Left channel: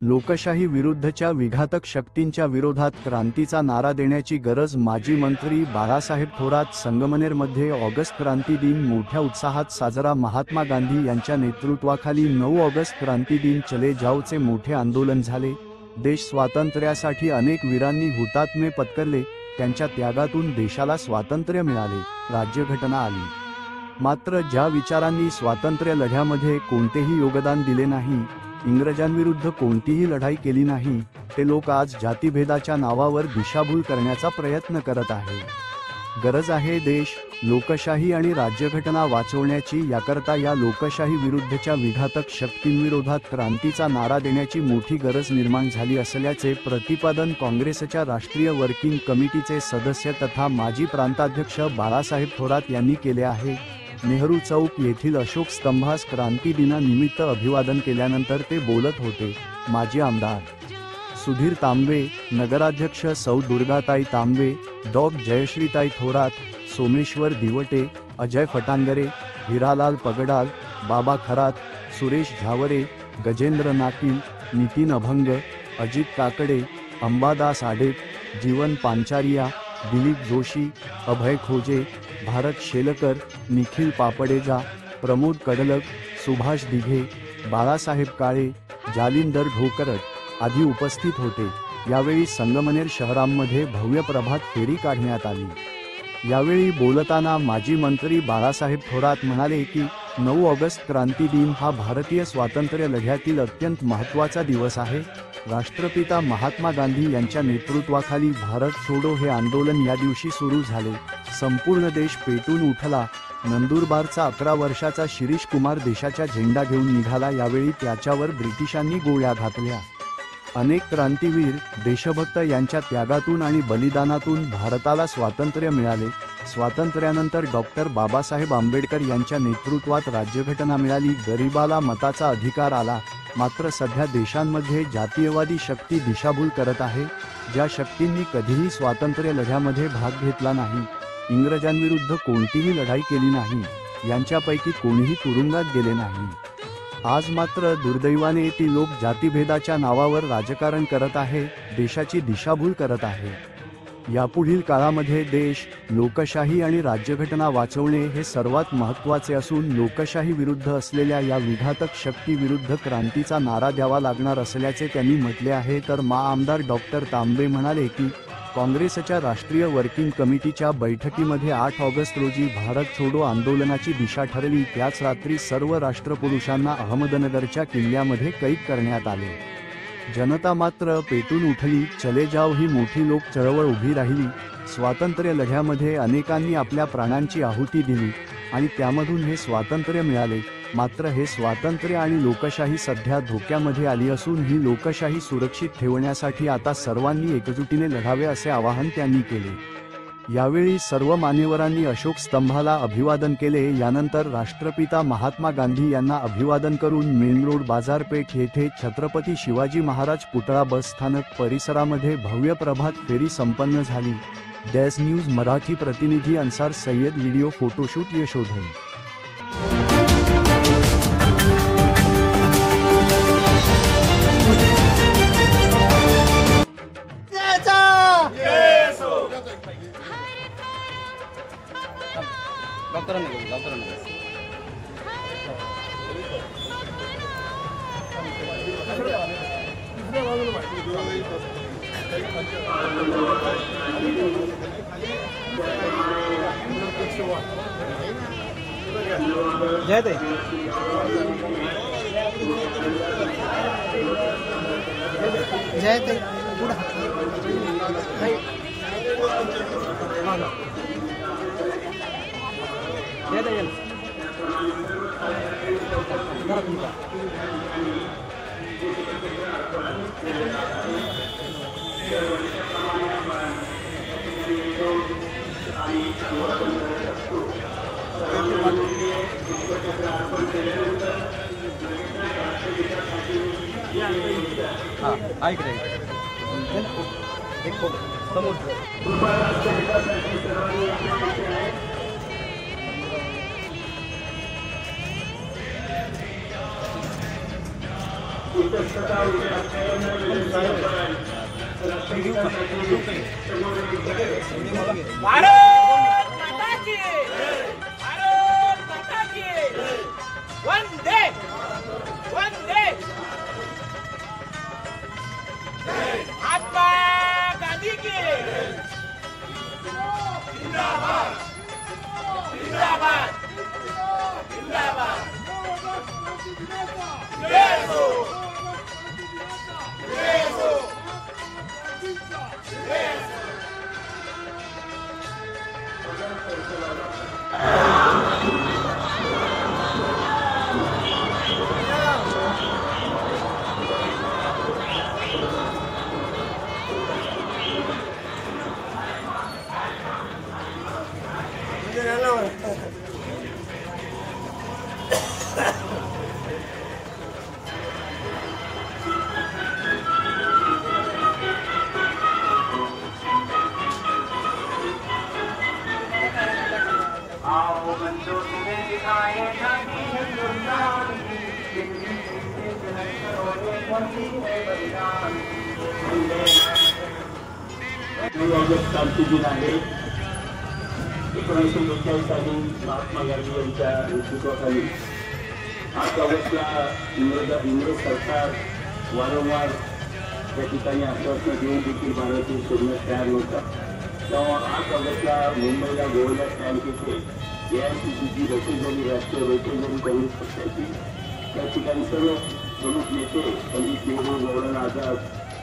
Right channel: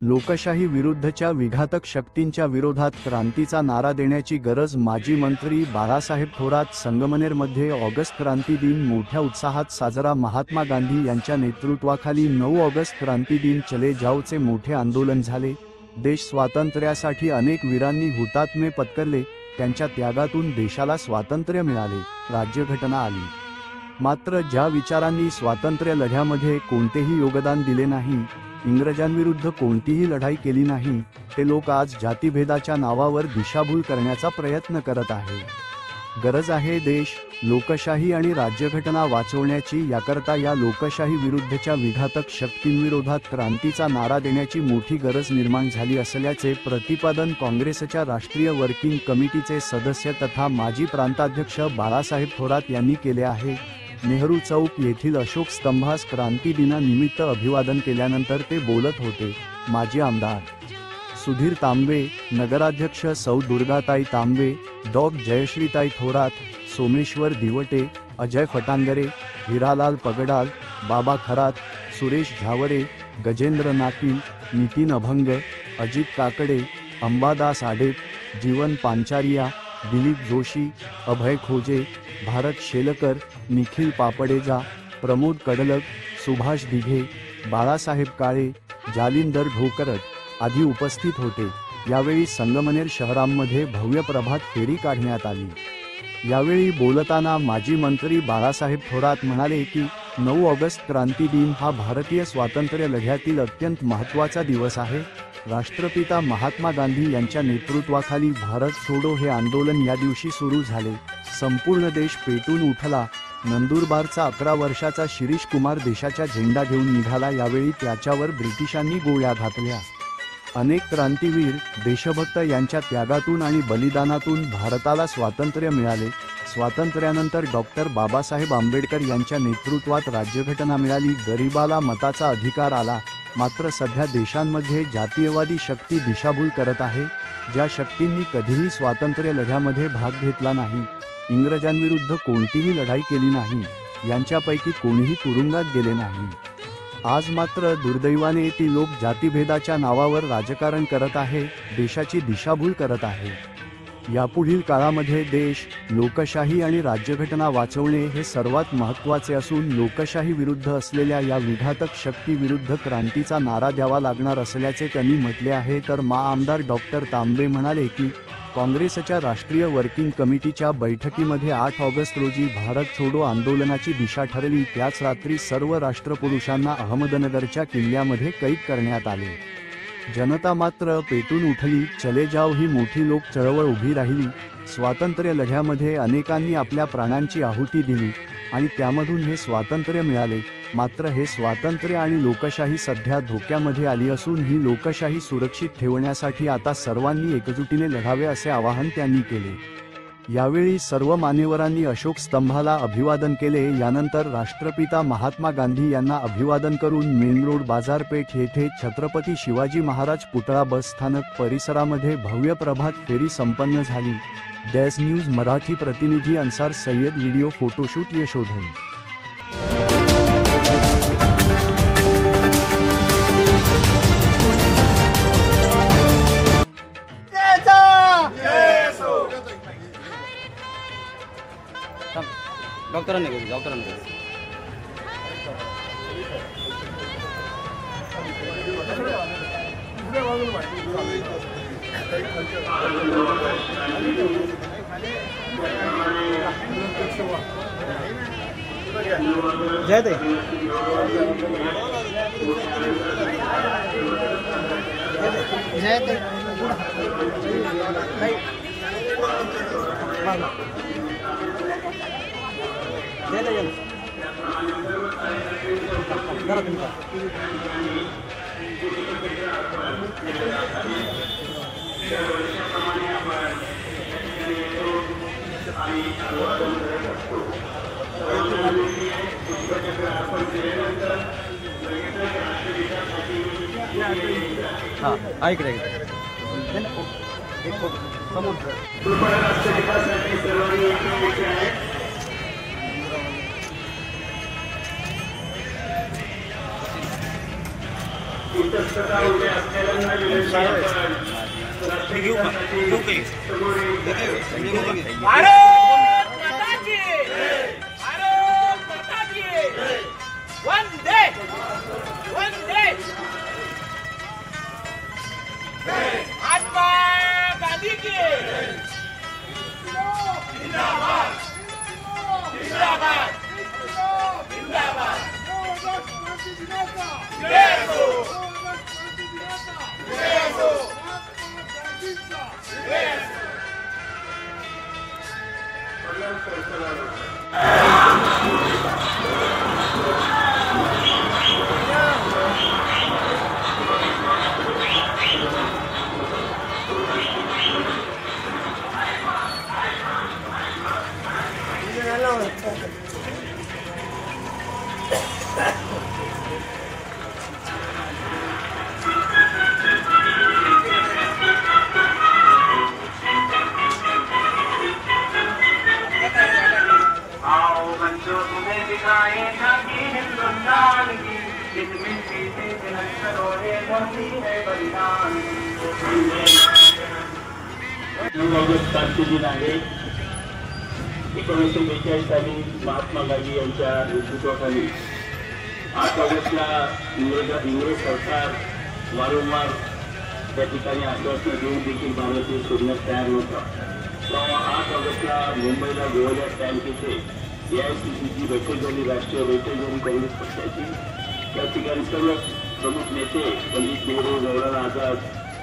लोकशाही विरुद्धच्या विघातक शक्तींच्या विरोधात क्रांतीचा नारा देण्याची गरज। माजी मंत्री बाळासाहेब थोरात। संगमनेरमध्ये ऑगस्ट क्रांती दिन मोठ्या उत्साहात साजरा। महात्मा गांधी यांच्या नेतृत्वाखाली 9 ऑगस्ट क्रांती दिन चले जाओचे मोठे आंदोलन झाले। देश स्वातंत्र्यासाठी अनेक वीरांनी हुतात्मे पत्करले, त्यांच्या त्यागातून देशाला स्वातंत्र्य मिळाले, राज्यघटना आली। मात्र ज्या विचारांनी स्वातंत्र्य लढ्यामध्ये कोणतेही योगदान दिले नाही, इंग्रजांविरुद्ध कोणतीही लढाई केली नाही, ते लोक आज जातीभेदाच्या नावावर दिशाभूल करण्याचा प्रयत्न करत आहे। गरज आहे देश, लोकशाही आणि राज्यघटना वाचवण्याची। याकरता या लोकशाही विरुद्धच्या विघातक शक्तींविरोधात क्रांतीचा नारा देण्याची मोठी गरज निर्माण झाली असल्याचे प्रतिपादन काँग्रेसच्या राष्ट्रीय वर्किंग कमिटीचे सदस्य तथा माजी प्रांताध्यक्ष बाळासाहेब थोरात यांनी केले आहे। नेहरू चौक येथील अशोक स्तंभास क्रांती दिनानिमित्त अभिवादन केल्यानंतर ते बोलत होते। माजी आमदार सुधीर तांबे, नगराध्यक्ष सौ दुर्गाताई तांबे, डॉ जयश्रीताई थोरात, सोमेश्वर दिवटे, अजय फटांगरे, हिरालाल पगडाल, बाबा खरात, सुरेश झावरे, गजेंद्र नाकील, नितीन अभंग, अजित काकडे, अंबादास आडेप, जीवन पांचारिया, दिलीप जोशी, अभय खोजे, भारत शेलकर, निखिल पापडेजा, प्रमोद कडलक, सुभाष दिघे, बाळासाहेब काळे, जालिंदर ढोकरट आदी उपस्थित होते। यावेळी संगमनेर शहरामध्ये भव्य प्रभात फेरी काढण्यात आली। यावेळी बोलताना माजी मंत्री बाळासाहेब थोरात म्हणाले की 9 ऑगस्ट क्रांती दिन हा भारतीय स्वातंत्र्य लढ्यातील अत्यंत महत्त्वाचा दिवस आहे। राष्ट्रपिता महात्मा गांधी यांच्या नेतृत्वाखाली भारत छोडो हे आंदोलन या दिवशी सुरू झाले। संपूर्ण देश पेटून उठला। नंदुरबारचा 11 वर्षाचा शिरीष कुमार देशाचा झेंडा घेऊन निघाला। यावेळी त्याच्यावर ब्रिटिशांनी गोळ्या घातल्या। अनेक क्रांतीवीर, देशभक्त यांच्या त्यागातून आणि बलिदानातून भारताला स्वातंत्र्य मिळाले। स्वातंत्र्यानंतर डॉक्टर बाबासाहेब आंबेडकर यांच्या नेतृत्वात राज्यघटना मिळाली। गरिबाला मताचा अधिकार आला। मात्र सध्या देशांमध्ये जातीयवादी शक्ती दिशाभूल करत आहे, ज्या शक्तींनी कधीही स्वातंत्र्य लढ्यामध्ये भाग घेतला नाही, इंग्रजांविरुद्ध कोणतीही लढाई केली नाही, यांच्यापैकी कोणीही तुरुंगात गेले नाही। आज मात्र दुर्दैवाने ती लोक जातीभेदाच्या नावावर राजकारण करत आहे, देशाची दिशाभूल करत आहे। यापुढील काळामध्ये देश, लोकशाही आणि राज्यघटना वाचवणे हे सर्वात महत्त्वाचे असून लोकशाही विरुद्ध असलेल्या या विघातक शक्ती विरुद्ध क्रांतीचा नारा द्यावा लागणार असल्याचे त्यांनी म्हटले आहे। तर आमदार डॉक्टर तांबे म्हणाले की काँग्रेसच्या राष्ट्रीय वर्किंग कमिटीच्या बैठकीमध्ये 8 ऑगस्ट रोजी भारत छोडो आंदोलनाची दिशा ठरली। त्याच रात्री सर्व राष्ट्रपुरुषांना अहमदनगरच्या किल्ल्यामध्ये कैद करण्यात आले। जनता मात्र पेटून उठली। चले जाओ ही मोठी लोक चळवळ उभी राहिली। स्वातंत्र्य लढ्यामध्ये अनेकांनी आपल्या प्राणांची आहुती दिली आणि त्यामधून हे स्वातंत्र्य मिळाले। मात्र हे स्वातंत्र्य आणि लोकशाही सध्या धोक्यामध्ये आली असून ही लोकशाही सुरक्षित ठेवण्यासाठी आता सर्वांनी एकजुटीने लढावे असे आवाहन त्यांनी केले। यावेळी सर्व मान्यवरांनी अशोक स्तंभाला अभिवादन केले। यानंतर राष्ट्रपिता महात्मा गांधी यांना अभिवादन करून मेन रोड बाजारपेठ येथे छत्रपती शिवाजी महाराज पुतळा बस स्थानक परिसरामध्ये भव्य प्रभात फेरी संपन्न झाली। डॅश न्यूज मराठी प्रतिनिधी अन्सार सय्यद, व्हिडिओ फोटोशूट यशोधन। जय दे जय दे जय दे ऐक रे एक फोटो समोर इतस्तता उभे असलेल्यांना भारत माता की वंदे वंदे महात्मा गांधी की जिंदाबाद जिंदाबाद जिंदाबाद जय हो जय हो जय हो क्रांती दिन आहे. 1942 साली महात्मा गांधी यांच्या नेतृत्वाखाली 8 ऑगस्टला इंग्रज सरकार वारंवार त्या ठिकाणी आश्वासनं देऊन देखील भारतीय सोडण्यास तयार नव्हता. तेव्हा 8 ऑगस्टला मुंबईला गोवल्या स्टँड येथे AICCची बैठक झाली, राष्ट्रीय बैठक झाली काँग्रेस पक्षाची. त्या ठिकाणी सर्व प्रमुख नेते पंडित नेहरू, मौलाना आझाद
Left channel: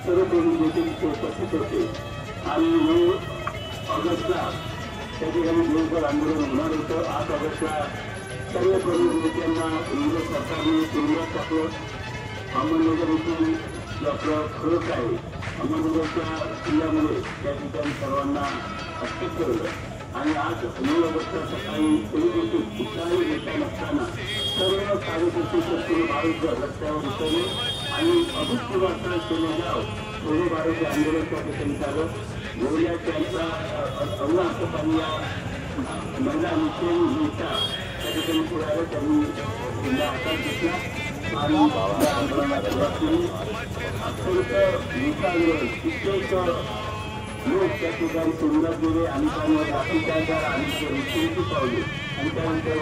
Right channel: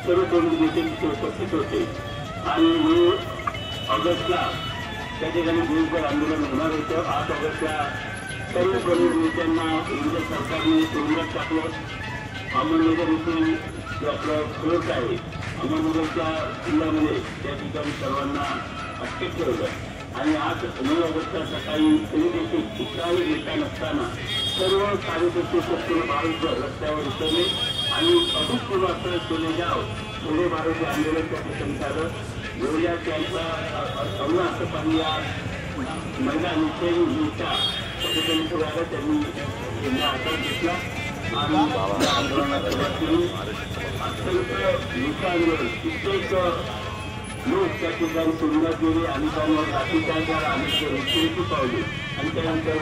सर्व प्रमुख नेते तिथे उपस्थित होते. आणि 9 ऑगस्टला त्या ठिकाणी दिवसभर आंदोलन होणार होतं. 8 ऑगस्टला सर्व प्रमुख नेत्यांना इंग्रज सरकारने तुरुंगात टाकलं. अहमदनगर इथून जो आपलं फ्लोट आहे अहमदनगरच्या किल्ल्यामध्ये त्या ठिकाणी सर्वांना अटक ठेवलं. आणि 9 ऑगस्टला सकाळी तरी देखील कुठलाही नेता नसताना सर्व कार्यकर्ते शस्त्र भारत रस्त्यावर उतरले आणि अभूतपूर्व असं केले जाव थोडे भारत आंदोलन त्या ठिकाणी झालं. गोळ्या त्यांचा सर्व असं पाणी या महिला निश्चय नेता त्या ठिकाणी पुढे त्यांनी जिल्हा हातात घेतला आणि कित्येक लोक त्या ठिकाणी तुरुंगात गेले आणि त्यांवर लाठीचार्ज आणि मृत्यूची पावले आणि त्यानंतर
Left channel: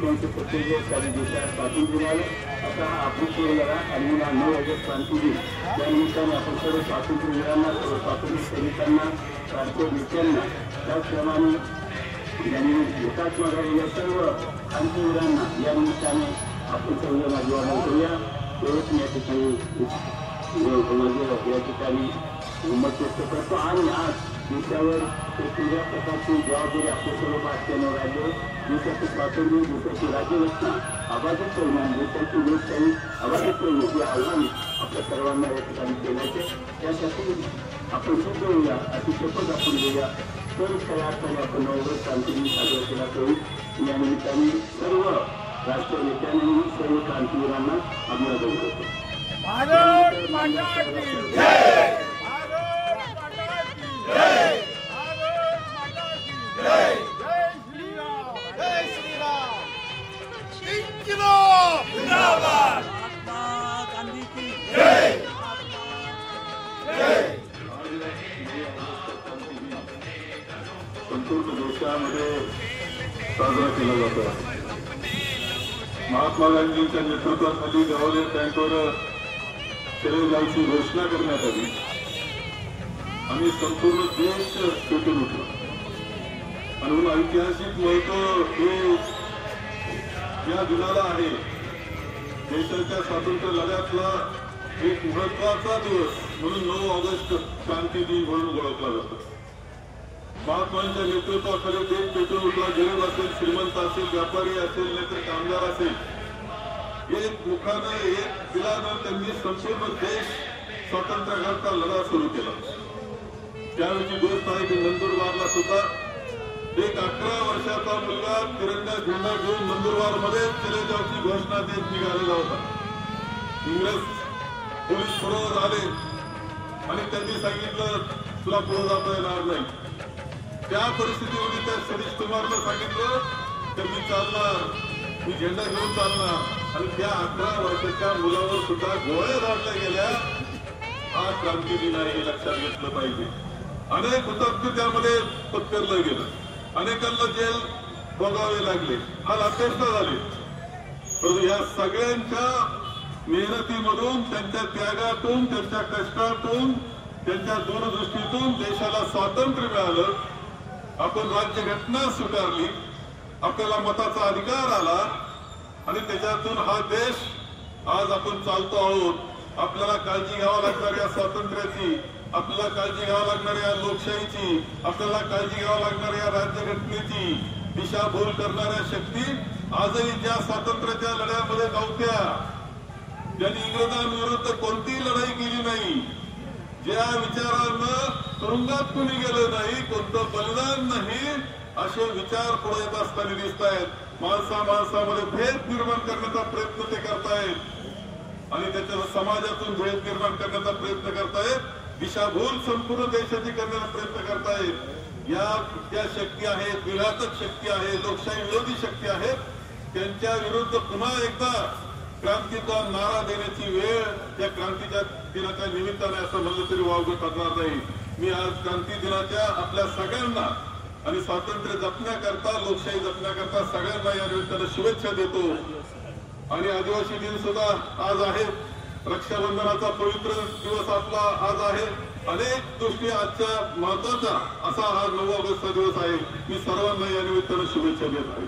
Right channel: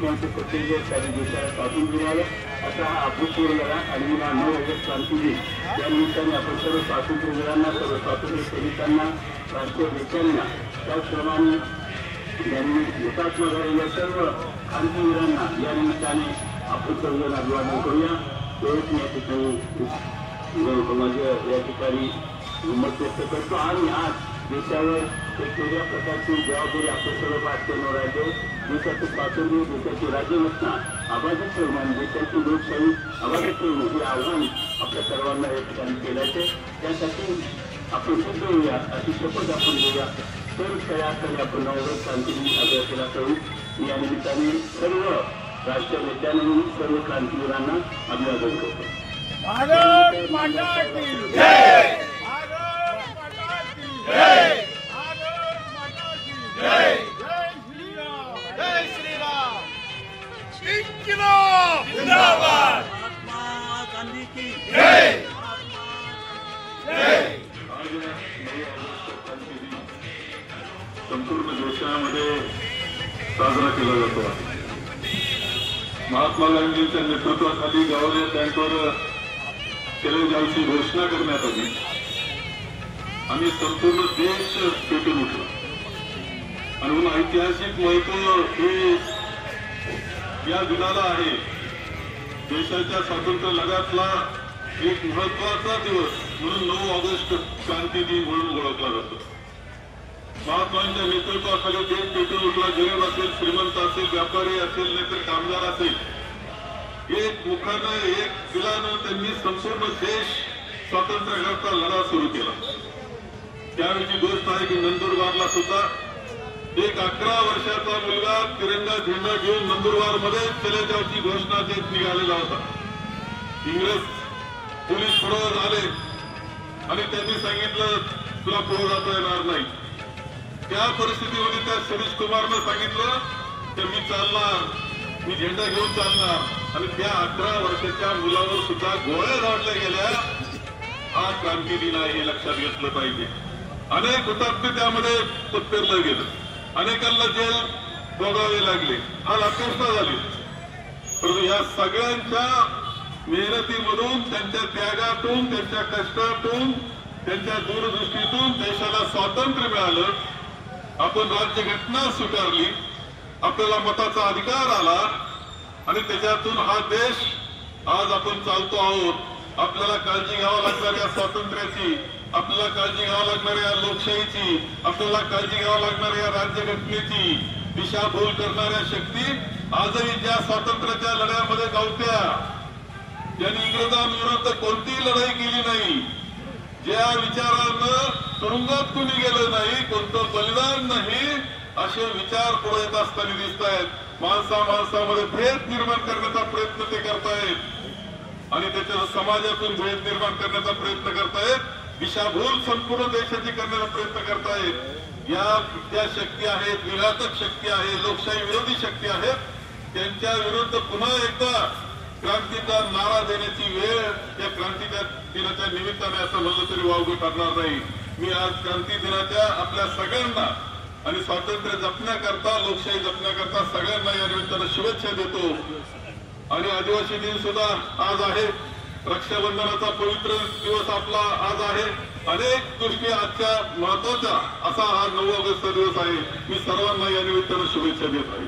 त्यांचे प्रत्येक काही देशात स्वातंत्र्य मिळालं. असा हा अभूतपूर्व लढा आणि 9 ऑगस्ट क्रांती दिन या निमित्ताने आपण सर्व स्वातंत्र्य मिळांना, सर्व स्वातंत्र्य सैनिकांना, भारतीय नेत्यांना, त्याचप्रमाणे ज्यांनी हुतात्मा झालेल्या सर्व क्रांतीवीरांना या निमित्ताने आपण सर्वांना अभिवादन करूया. तेच या ठिकाणी या ठिकाणी मत व्यक्त करतो. आणि आज देशावर एक वेगळ्या प्रकारची जबाबदारी आपल्या सर्व भारतीयांना राहिली. देशाचं स्वातंत्र्य, देशाची राज्यघटना अबाधित ठेवणं, देशाची लोकशाही अबाधित ठेवणं हे आव्हान आपल्या सर्वांना या ठिकाणी केल्याचे. त्यासाठी आपण सिद्ध होऊया, अशी शपथ आपण घेऊया. तर तयार आपण 9 ऑगस्ट क्रांती दिन साजरा केला करू. या निमित्ताने सर्व राष्ट्रीय नेत्यांनी सर्व क्रांतीवीरांना अभिवादन करतो. भारत माता की जय, भारत माता की जय, भारत माता की जय, जय श्री राम, जय श्री राम, जिंदाबाद जिंदाबाद, महात्मा गांधी की जय, जय. संपूर्ण देशामध्ये साजरा केला जातो. महात्मा गांधींच्या नेतृत्वाखाली गव्हर्नर बँकेवर केले जायची घोषणा करण्यात आली आणि संपूर्ण देश पेटून उठला. आणि म्हणून ऐतिहासिक महत्व हे या दिनाला आहे. देशाच्या स्वातंत्र्य लढ्यातला एक महत्वाचा दिवस म्हणून 9 ऑगस्ट क्रांती दिन म्हणून ओळखला जातो. महात्मांच्या नेतृत्वाखाली देश पेटून उठला. गरीब असेल, श्रीमंत असेल, व्यापारी असेल, नाहीतर कामगार असेल, एक मुखानं एक दिलानं त्यांनी संपूर्ण देश स्वातंत्र्याकरता लढा सुरू केला. त्यावेळी गोष्ट आहे की नंदुरबारला सुद्धा एक 11 वर्षाचा मुलगा तिरंगा झेंडा घेऊन नंदुरबार मध्ये चले जायची घोषणा देत निघालेला होता. इंग्रज पोलीस पुढे आले आणि त्यांनी सांगितलं तुला पुढे जाता येणार नाही. त्या परिस्थितीमध्ये त्या सतीश कुमारनं सांगितलं तर मी चालणार, मी झेंडा घेऊन चालणार. आणि त्या 11 वर्षाच्या मुलावर सुद्धा गोळ्या झाडल्या गेल्या. हा क्रांती दिन आहे हे लक्षात घेतलं पाहिजे. अनेक हुतात्मे त्यामध्ये पत्करलं गेलं, अनेकांना जेल भोगावे लागले, हा अपेक्षा झाली. परंतु या सगळ्यांच्या मेहनतीमधून, त्यांच्या त्यागातून, त्यांच्या कष्टातून, त्यांच्या दूरदृष्टीतून देशाला स्वातंत्र्य मिळालं. आपण राज्यघटना स्वीकारली, आपल्याला मताचा अधिकार आला आणि त्याच्यातून हा देश आज आपण चालतो आहोत. आपल्याला काळजी घ्यावी लागणाऱ्या स्वातंत्र्याची, आपल्याला काळजी घ्यावी लागणाऱ्या लोकशाहीची, आपल्याला काळजी घ्यावी लागणाऱ्या राज्यघटनेची दिशाभूल करणाऱ्या शक्ती आजही ज्या स्वातंत्र्याच्या लढ्यामध्ये नव्हत्या, ज्यांनी इंग्रजांविरुद्ध कोणतीही लढाई केली नाही, ज्या विचारानं तुरुंगात कोणी गेलं नाही, कोणतं बलिदान नाही, असे विचार पुढे येत असताना दिसत आहेत. माणसामध्ये भेद निर्माण करण्याचा प्रयत्न ते करतायत आणि त्याच्या समाजातून भेद निर्माण करण्याचा प्रयत्न करतायत. दिशाभूल संपूर्ण देशाची करण्याचा प्रयत्न करतायत. या ज्या शक्ती आहेत, विघातक शक्ती आहे, लोकशाही विरोधी शक्ती आहेत, त्यांच्या विरुद्ध पुन्हा एकदा क्रांतीचा नारा देण्याची वेळ या क्रांतीच्या दिनाच्या निमित्ताने असं म्हणलं तरी वावगं ठरणार नाही. मी आज क्रांती दिनाच्या आपल्या सगळ्यांना आणि स्वातंत्र्य जपण्याकरता, लोकशाही जपण्याकरता सगळ्यांना या निमित्तानं शुभेच्छा देतो. आणि आदिवासी दिन सुद्धा आज आहे, रक्षाबंधनाचा पवित्र दिवस आपला आज आहे. अनेक गोष्टी आजच्या महत्वाचा असा हा 9 ऑगस्टचा दिवस आहे. मी सर्वांना या निमित्तानं शुभेच्छा देत आहे.